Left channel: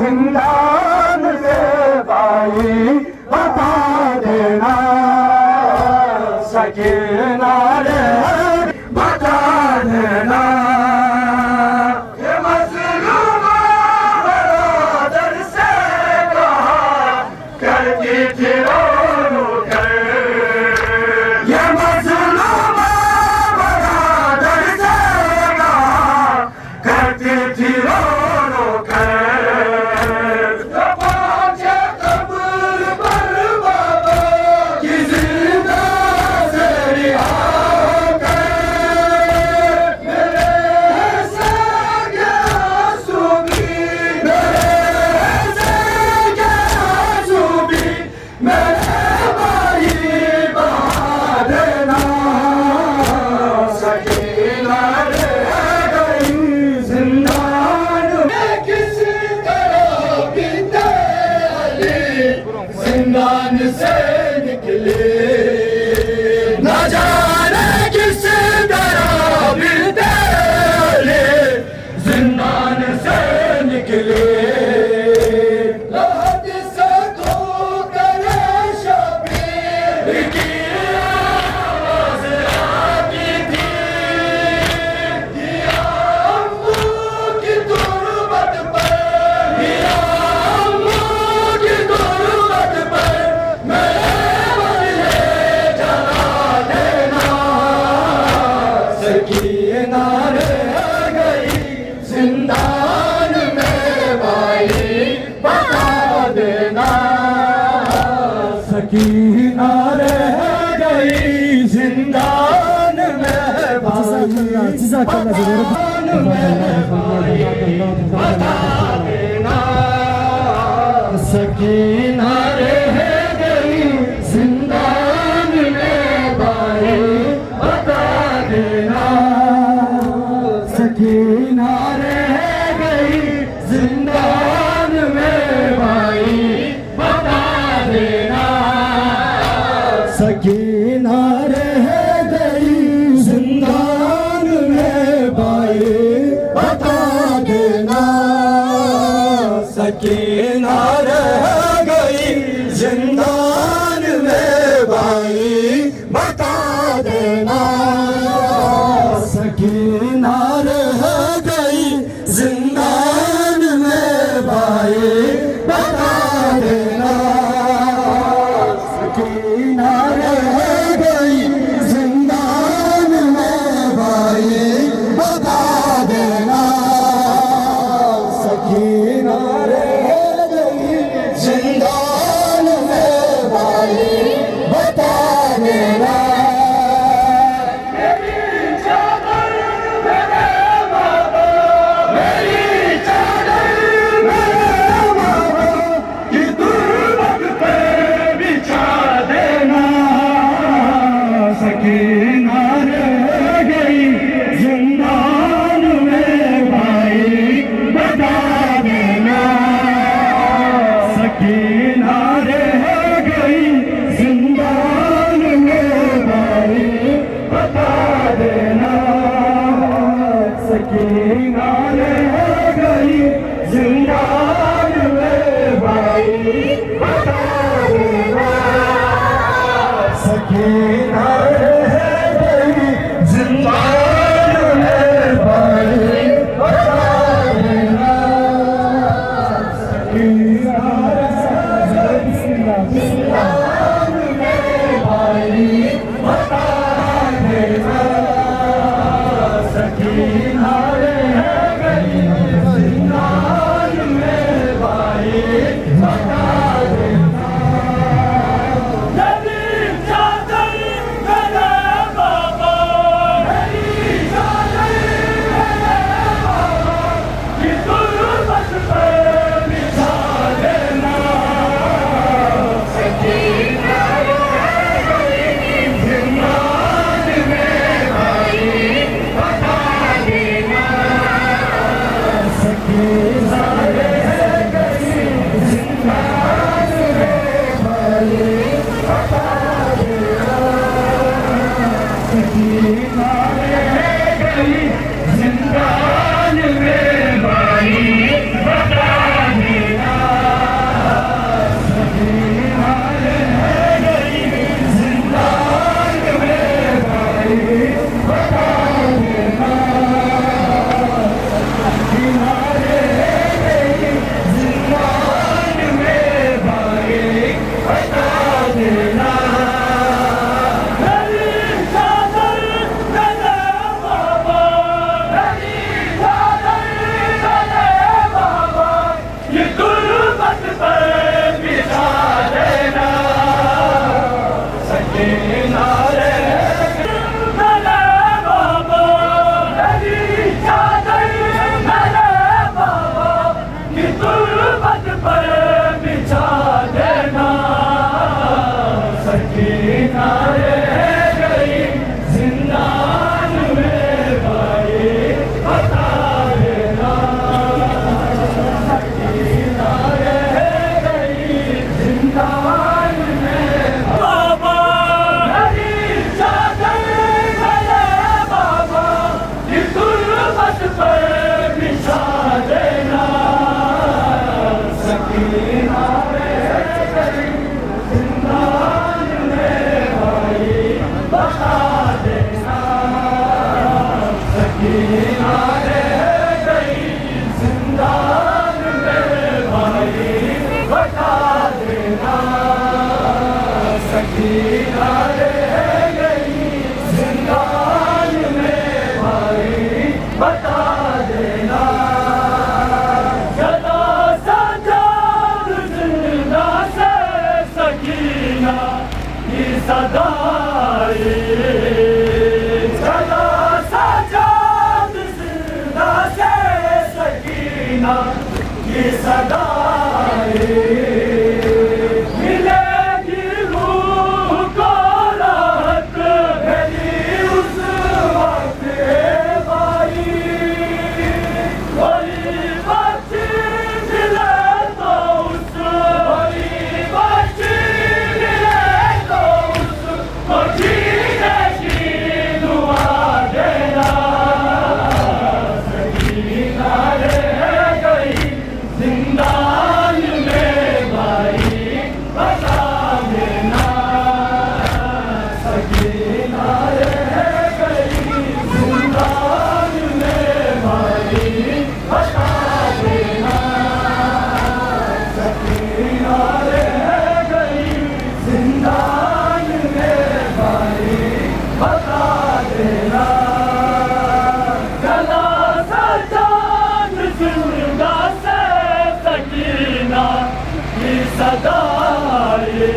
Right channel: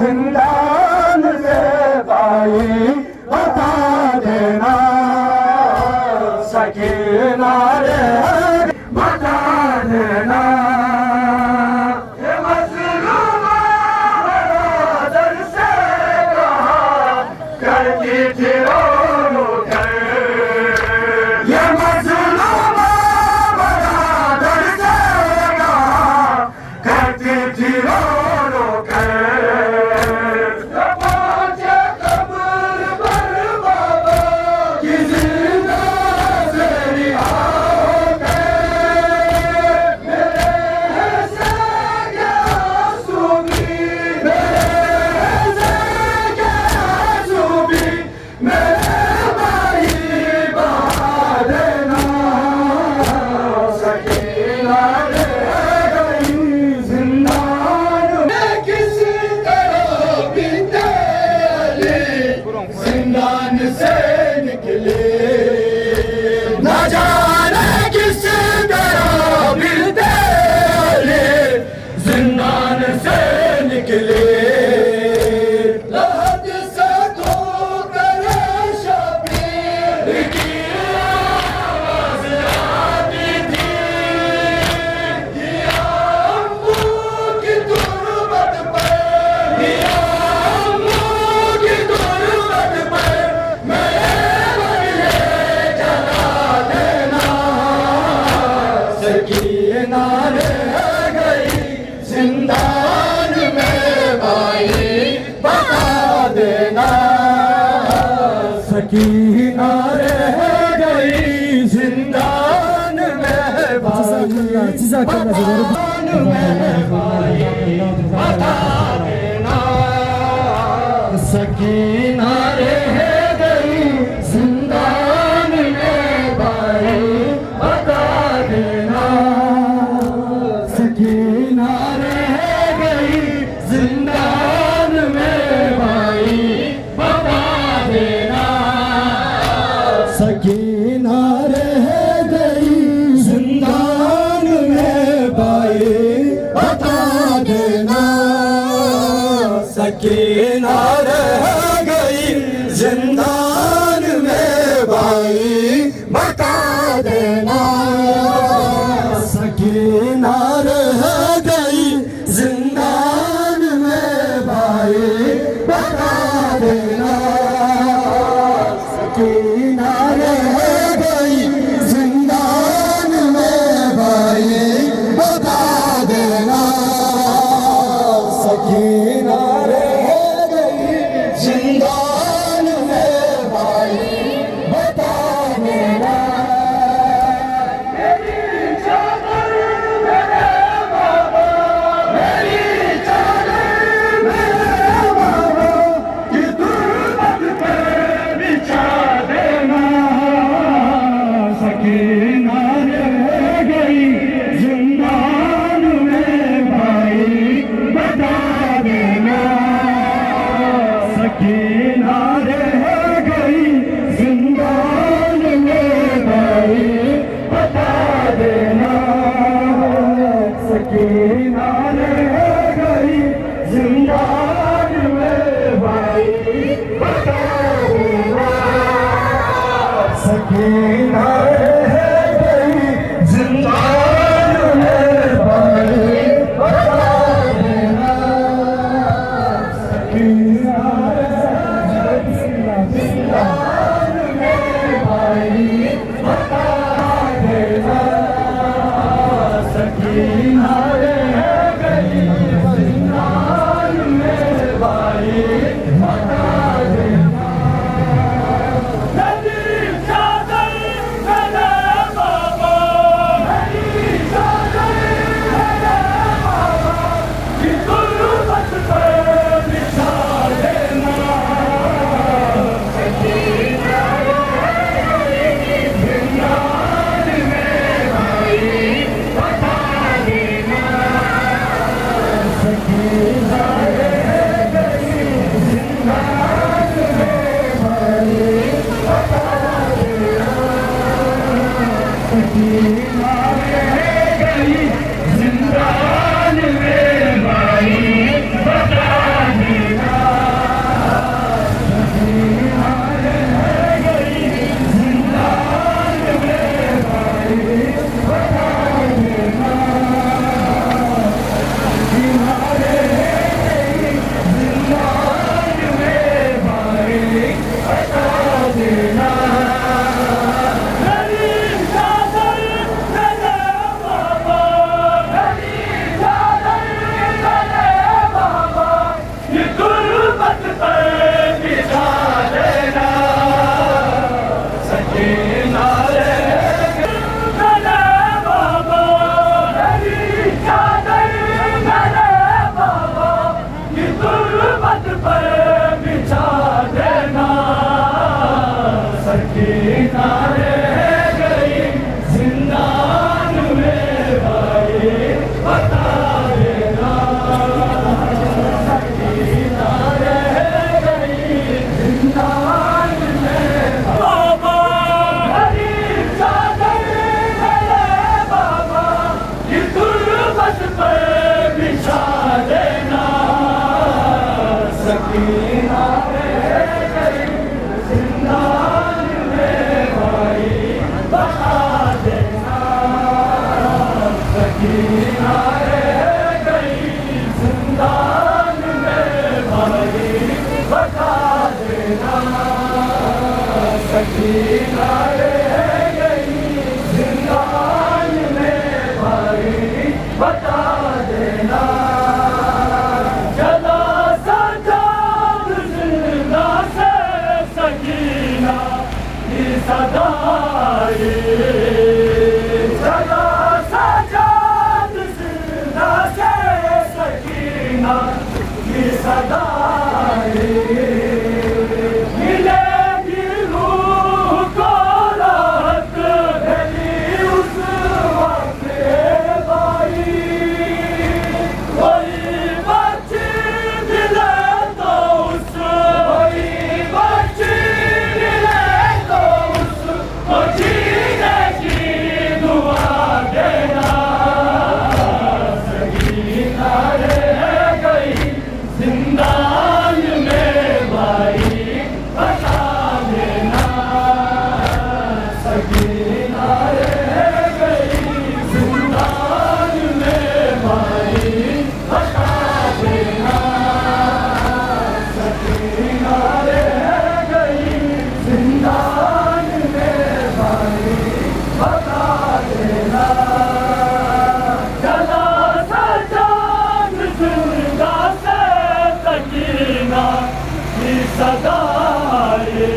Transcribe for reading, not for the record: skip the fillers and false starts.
जिंदान से भाई बता देना सकीना रे बता देना ये मजलूम बरादर से करती थी रो कर ये मजलूम बरादर से करती थी रो जिंदान से निकले न जाने किस तरह बिल्कुल जिंदान से निकले से तो करे शबीर की आवाज़ आती थी दिया अम्मू की गुर्बत पर दिया अम्मू की गुर्बत पर सकीना रह गई जिंदान में भाई बता देना सकीना रह गई जिंदान में भाई जिंदान में भाई बता देना सकीना रह गई जिंदान में भाई बता देना सकीना रह गई जिंदान में भाई बता देना सकीना रह गई जिंदान में भाई बता देना सकीना रह गई जिंदान में भाई बता देना सकीना रह गई जिंदान में भाई बता देना सकीना रह गई जिंदान में भाई बता देना सकीना रह गई जिंदान में भाई बता देना सकीना रह गई जिंदान में भाई बता देना सकीना रह गई जिंदान में भाई बता देना सकीना रह गई जिंदान में भाई बता देना सकीना जिंदान में भाई बता देना जुल्फत पर बिछा देना सकीना रे मेरे बाबा तेरी चादर मेरे बाबा कि जुल्फत पर बिछा देना सकीना रे गई जिंदान में भाई बता देना सकीना रे गई जिंदान में बाबा तेरी चादर मेरे बाबा कि जुल्फत पर बिछा देना सकीना रे गई जिंदान में भाई बता देना सकीना रे गई जिंदान में भाई बता देना सकीना रे गई जिंदान में भाई बता देना चला सजाद जिंदा से सकीना की सदाई चला सजाद जिंदा से सकीना की सदाई मिलेगी रूह को राहत मेरी उस वक्त भाई कोई बच्ची मिले तो उस कोई बच्ची मिले तो उसको जीने की दुआ देना सकीना रे गई जिंदान में भाई बता देना सकीना रे गई जिंदान में भाई बता देना सकीना रे गई जिंदान में भाई बता देना चला सजाद जिंदा से सकीना की सदाई